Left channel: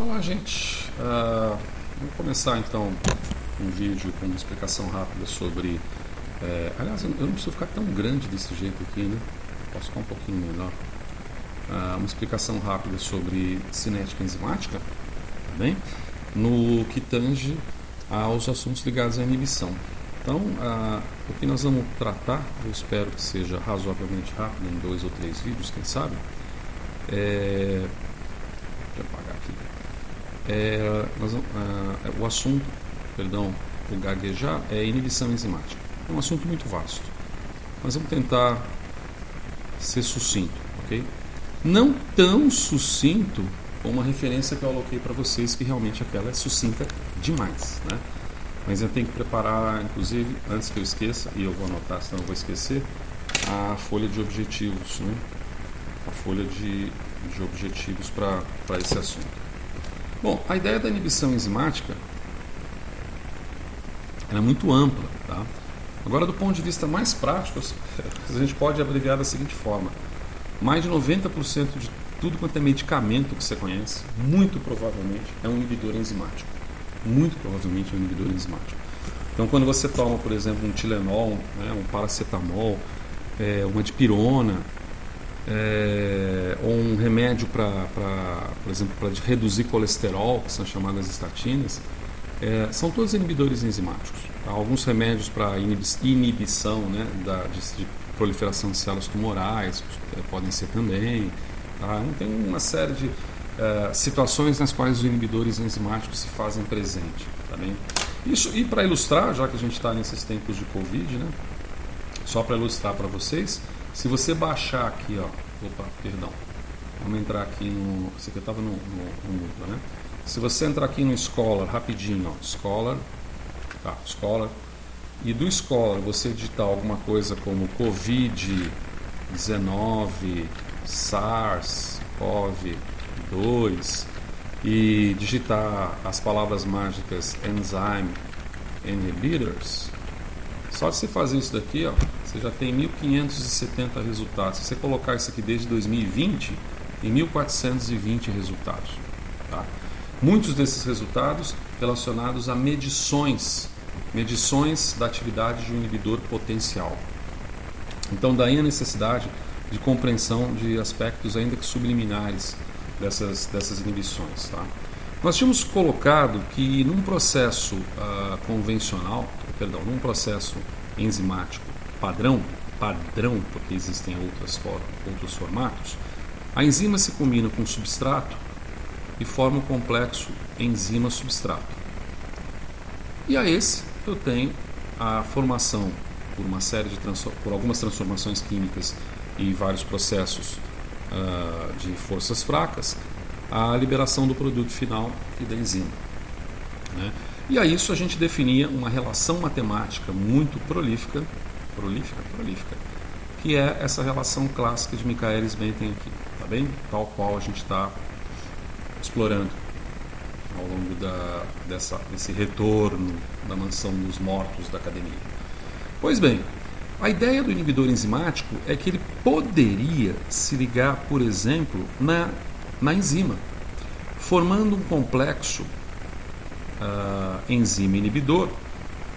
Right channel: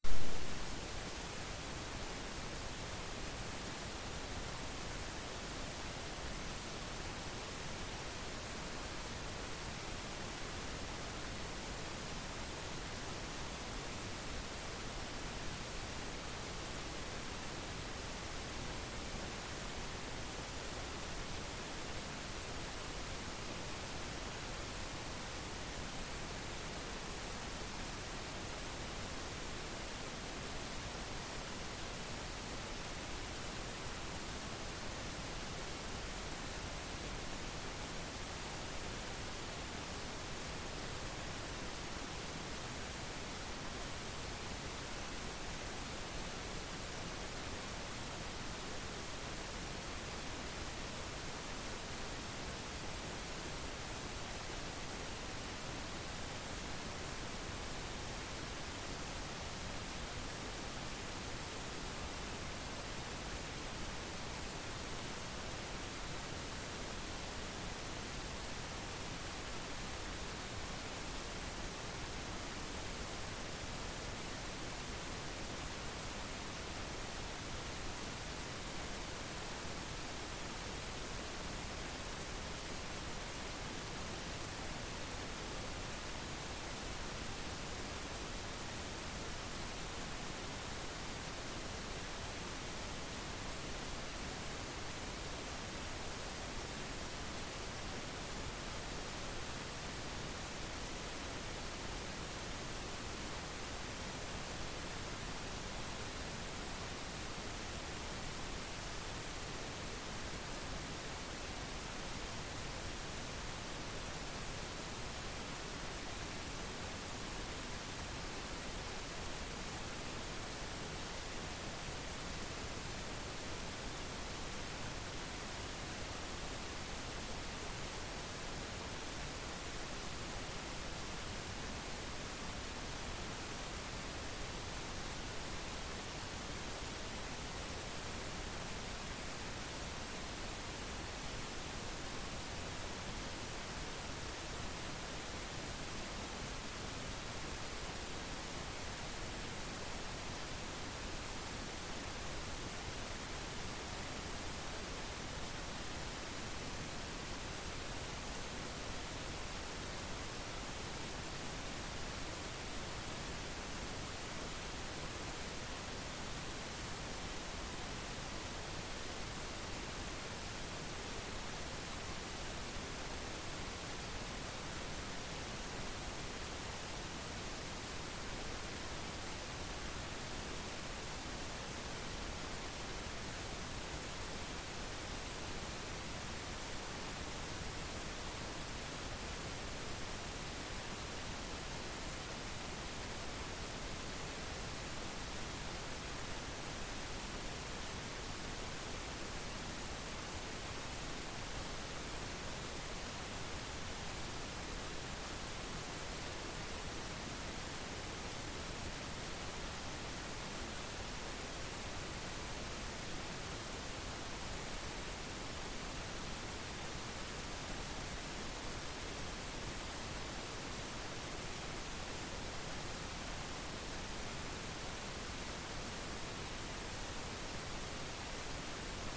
Olá, gente. Vou começar então um vídeo com uma explicação rápida sobre. Aliás, eu não preciso ficar tão grande desse jeito aqui, né? Posso ficar um pouquinho melhor. Uma explicação rápida sobre cinética enzimática, tá bem? No que tange aos assuntos ligados à inibição. Então, o que nós vamos tratar, eu espero que seja razoavelmente rápido, em 2 ou 3 vídeos, quem sabe. Deixa eu apagar aqui. O assunto, perdão, por gaguejar, é inibição enzimática. É um assunto muito vasto. Mas vamos tentar ser sucinto, ok? Não tão sucinto como uma referência que eu aloquei para vocês, que realmente aquela é sucinta demais, né? Mas eu tenho que preparar, inclusive, antes que eu esqueça, e eu vou anotar, senão eu vou esquecer, a folha de objetivos, né? A folha de objetivos para esse assunto. Bom, a ideia da inibição enzimática é muito ampla, tá? Agora, do ponto de vista mais prático, a gente pode abreviar da seguinte forma: mais de 90% de tudo quanto é medicamento que você conhece, muito provavelmente é um inibidor enzimático. Muito provavelmente é um inibidor enzimático. Então, quando você toma, por exemplo, um Tilenol, né, um paracetamol, uma dipirona, ou um remédio por exemplo, para reduzir colesterol, que são chamadas estatinas, são todos inibidores enzimáticos. Tá? Alguns remédios para inibição, né, de proliferação de células tumorais podem ser também. Tá? Então, tem uma série de situações nas quais os inibidores enzimáticos se fazem presente. Tá bem? Isso, e para ilustrar, já que a gente está nesses tempos de Covid, né, só para ilustrar para vocês, se você baixar aqui, vamos entrar aqui no. Isso aqui estava no Moodle, né? Se você entrar aqui no Scholar, rapidinho, Scholar, e do Scholar você digitar alguma coisa como Covid-19, SARS-CoV-2 e digitar as palavras mágicas Enzyme Inhibitors, só de você fazer isso daqui, você já tem 1.570 resultados. Se você colocar isso aqui desde 2020, tem 1.420 resultados. Tá? Muitos desses resultados relacionados a medições da atividade de um inibidor potencial. Então, daí a necessidade de compreensão de aspectos ainda que subliminares dessas inibições. Tá? Nós tínhamos colocado que num processo num processo enzimático padrão, porque existem outros formatos, a enzima se combina com o substrato e forma o complexo enzima-substrato. E a esse eu tenho a formação por algumas transformações químicas e vários processos de forças fracas, a liberação do produto final e da enzima, né? E a isso a gente definia uma relação matemática muito prolífica, que é essa relação clássica de Michaelis-Menten aqui, tá bem? Tal qual a gente está explorando ao longo desse retorno da mansão dos mortos da academia. Pois bem, a ideia do inibidor enzimático é que ele poderia se ligar, por exemplo, na enzima, formando um complexo enzima inibidor,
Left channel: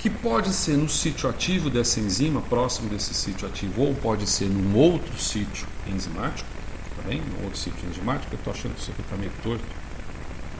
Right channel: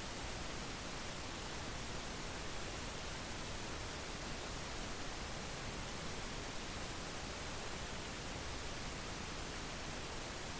que pode ser no sítio ativo dessa enzima, próximo desse sítio ativo, ou pode ser num outro sítio enzimático, tá bem? Num outro sítio enzimático. Eu estou achando que isso aqui está meio torto.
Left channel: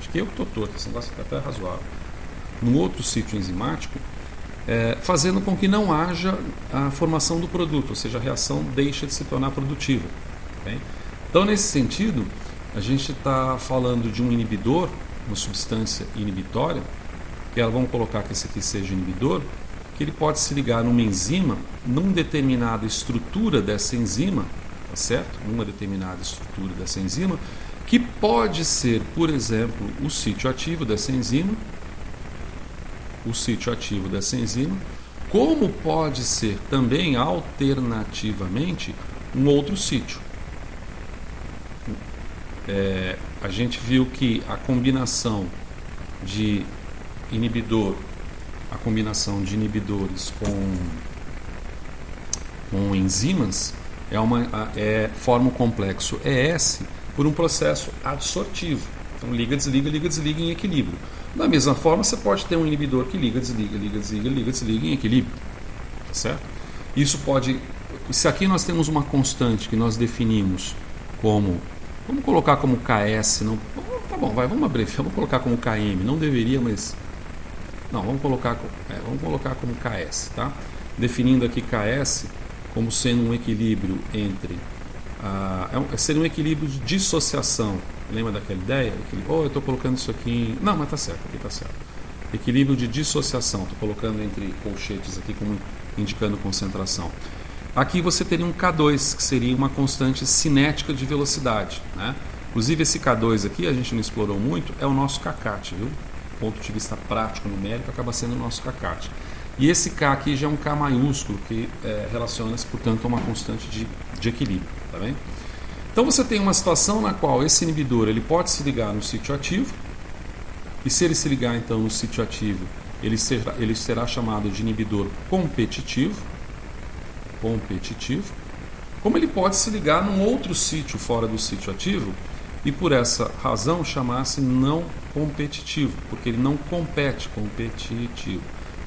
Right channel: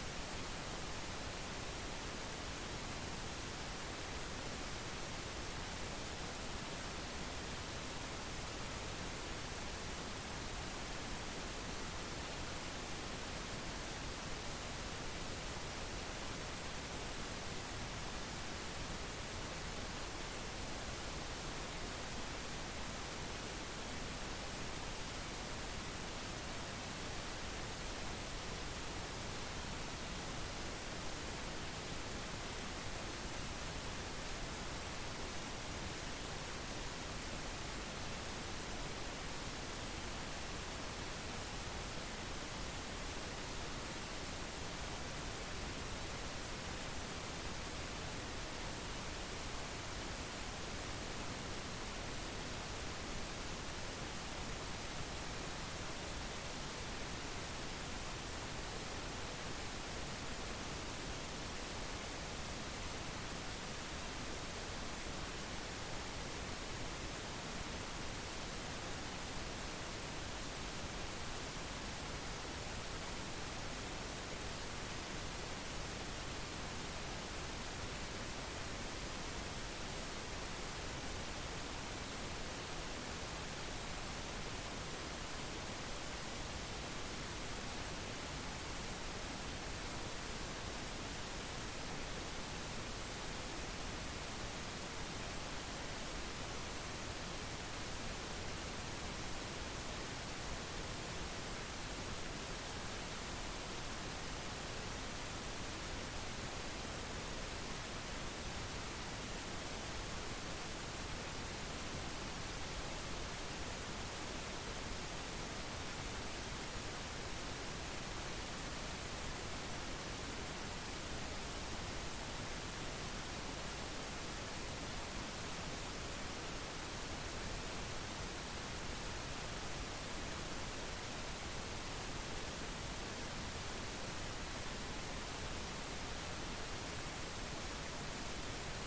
Acho que eu que estou torto, esse negócio fica até razoável. Num outro sítio enzimático, fazendo com que não haja a formação do produto, ou seja, a reação deixa de se tornar produtiva. Tá bem? Então, nesse sentido, a gente está falando de um inibidor, uma substância inibitória, que vamos colocar que esse aqui seja inibidor, que ele pode se ligar numa enzima, numa determinada estrutura dessa enzima, tá certo? Numa determinada estrutura dessa enzima, que pode ser, por exemplo, o sítio ativo dessa enzima, como pode ser também, alternativamente, um outro sítio. A gente viu que a combinação de inibidores com enzimas forma um complexo ES por um processo adsortivo. Então liga, desliga em equilíbrio. Da mesma forma, você pode ter um inibidor que liga, desliga em equilíbrio. Certo? Isso pode... Se aqui nós temos uma constante que nós definimos como... Vamos colocar como Ks, não, tá bom, vamos abreviar, vamos colocar como Km, não deveria, mas... Não, vamos colocar como Ks, tá? Definindo aqui Ks como sendo um equilíbrio entre... seria um equilíbrio de dissociação. Lembra daquela ideia? Eu estou colocando isso aqui em... Não, mas tá certo, aqui tá certo. Equilíbrio de dissociação, estou colocando entre colchetes aqui como indicando concentração. Aqui você teria um K2, que seria uma constante cinética de velocidade, né? Inclusive esse K2 aqui, a gente não explorou muito, é o nosso kcat, viu? Do ponto de vista prático, numérico, acaba sendo o nosso kcat. E esse K aqui já é um K maiúsculo, que relaciona-se, portanto, a uma constante de equilíbrio, tá bem? Então você tem uma situação na qual esse inibidor ele pode se ligar no sítio ativo, e se ele se ligar então no sítio ativo, ele será chamado de inibidor competitivo, como ele pode se ligar num outro sítio fora do sítio ativo e por essa razão chamar-se não competitivo, porque ele não compete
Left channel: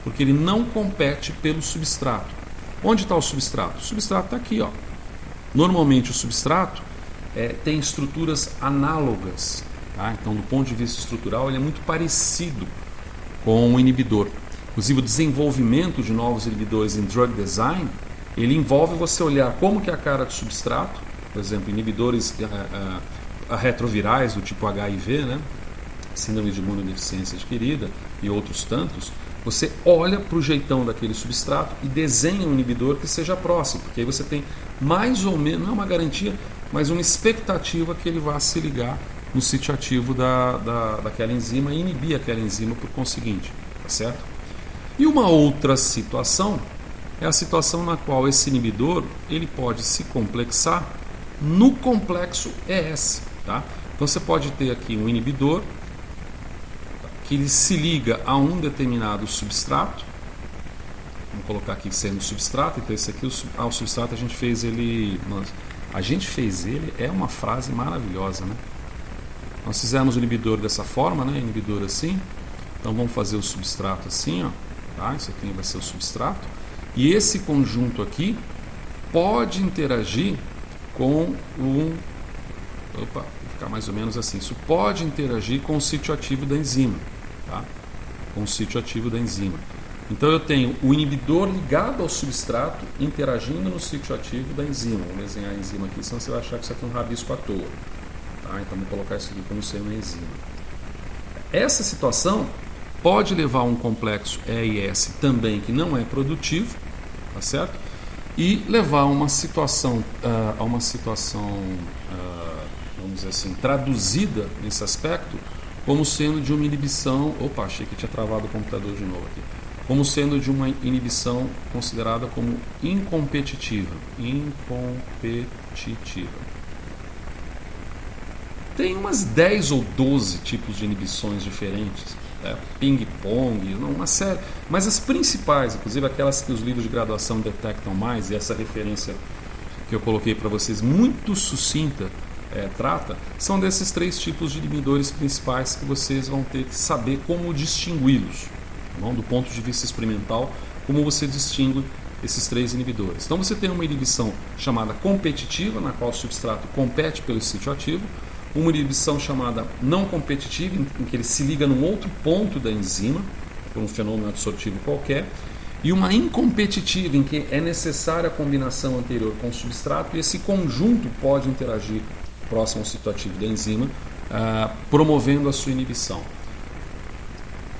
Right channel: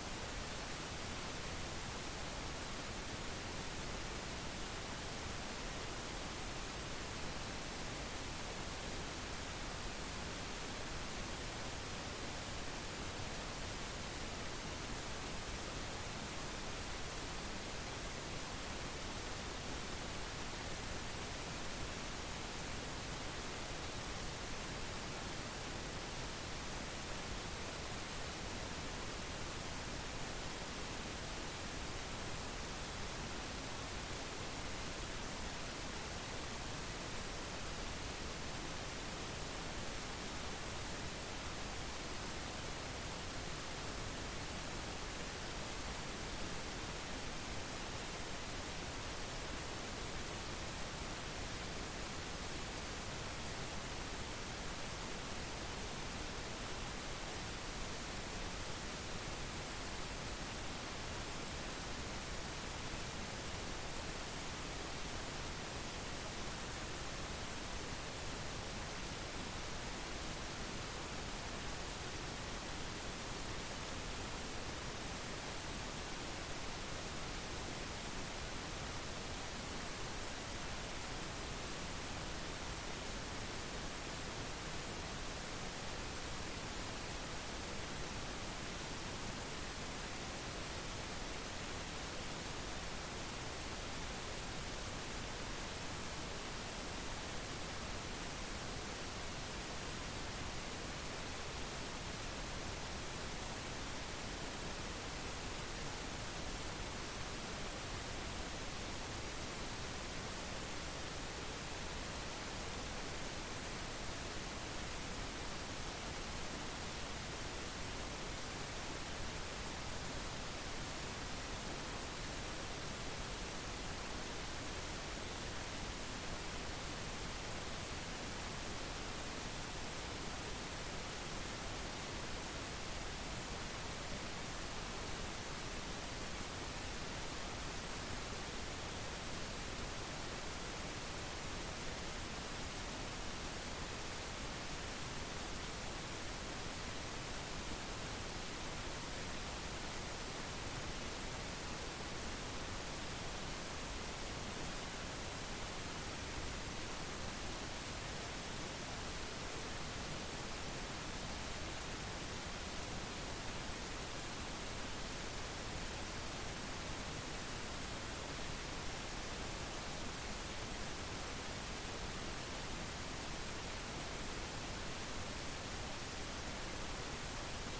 porque ele não compete pelo substrato. Onde está o substrato? O substrato está aqui, ó. Normalmente o substrato tem estruturas análogas, tá? Então do ponto de vista estrutural ele é muito parecido com o inibidor. Inclusive o desenvolvimento de novos inibidores em drug design, ele envolve você olhar como que é a cara do substrato, por exemplo, inibidores retrovirais do tipo HIV, né? Síndrome de imunodeficiência adquirida e outros tantos. Você olha para o jeitão daquele substrato e desenha um inibidor que seja próximo, porque aí você tem mais ou menos, não é uma garantia, mas uma expectativa que ele vá se ligar no sítio ativo daquela enzima e inibir aquela enzima por conseguinte, tá certo? E uma outra situação é a situação na qual esse inibidor ele pode se complexar no complexo ES. Tá? Então você pode ter aqui um inibidor que ele se liga a um determinado substrato. Vamos colocar aqui sendo substrato. Então esse aqui, o substrato a gente fez ele... é uma frase maravilhosa, né? Nós fizemos o inibidor dessa forma, né? Inibidor assim. Então vamos fazer o substrato assim, ó. Tá? Isso aqui vai ser o substrato. E esse conjunto aqui pode interagir com vou ficar mais ou menos assim. Isso pode interagir com o sítio ativo da enzima, tá? Com o sítio ativo da enzima. Então eu tenho o inibidor ligado ao substrato interagindo no sítio ativo da enzima. Vou desenhar a enzima aqui, senão você vai achar que isso aqui é um rabisco à toa. Tá? Então vou colocar isso aqui como sendo uma enzima. Essa situação pode levar a um complexo EIS também que não é produtivo, tá certo? E levar a uma situação, vamos dizer assim, traduzida nesse aspecto como sendo de uma inibição, achei que tinha travado o computador de novo aqui, como sendo de uma inibição considerada como incompetitiva. Tem umas 10 ou 12 tipos de inibições diferentes, ping-pong, uma série, mas as principais, inclusive aquelas que os livros de graduação detectam mais, e essa referência que eu coloquei para vocês, muito sucinta, trata, são desses 3 tipos de inibidores principais que vocês vão ter que saber como distingui-los, tá bom? Do ponto de vista experimental, como você distingue esses 3 inibidores. Então você tem uma inibição chamada competitiva, na qual o substrato compete pelo sítio ativo, uma inibição chamada não competitiva, em que ele se liga num outro ponto da enzima, por um fenômeno absortivo qualquer, e uma incompetitiva, em que é necessária a combinação anterior com o substrato, e esse conjunto pode interagir próximo ao sítio ativo da enzima, promovendo a sua inibição.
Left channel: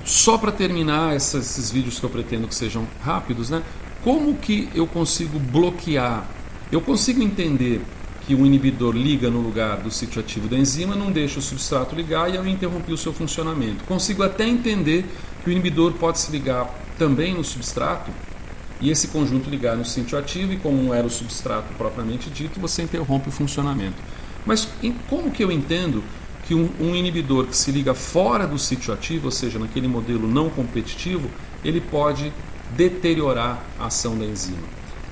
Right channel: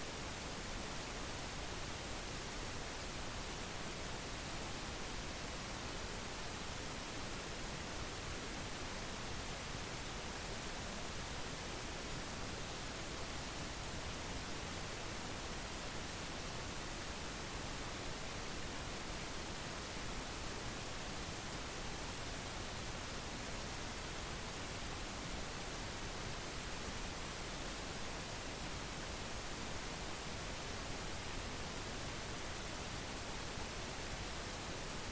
Só para terminar esses vídeos que eu pretendo que sejam rápidos, né? Como que eu consigo bloquear? Eu consigo entender que o inibidor liga no lugar do sítio ativo da enzima, não deixa o substrato ligar e eu interrompi o seu funcionamento. Consigo até entender que o inibidor pode se ligar também no substrato e esse conjunto ligar no sítio ativo, e como não era o substrato propriamente dito, você interrompe o funcionamento. Mas como que eu entendo que um inibidor que se liga fora do sítio ativo, ou seja, naquele modelo não competitivo, ele pode deteriorar a ação da enzima?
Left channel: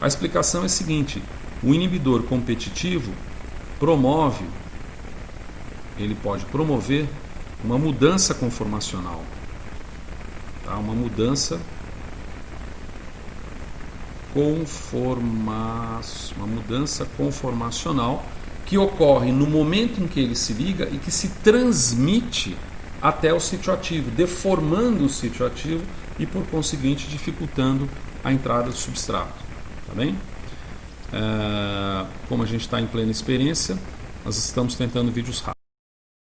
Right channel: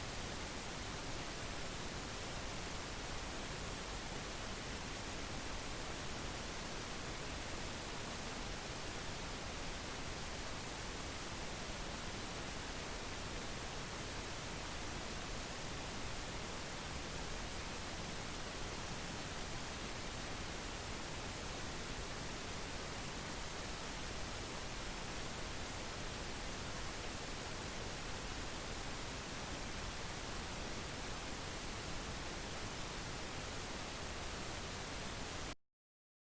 A explicação é a seguinte: o inibidor competitivo ele pode promover uma mudança conformacional, tá? Uma mudança conformacional que ocorre no momento em que ele se liga e que se transmite até o sítio ativo, deformando o sítio ativo e, por conseguinte, dificultando a entrada do substrato. Tá bem? Como a gente está em plena experiência, nós estamos tentando vídeos rápidos.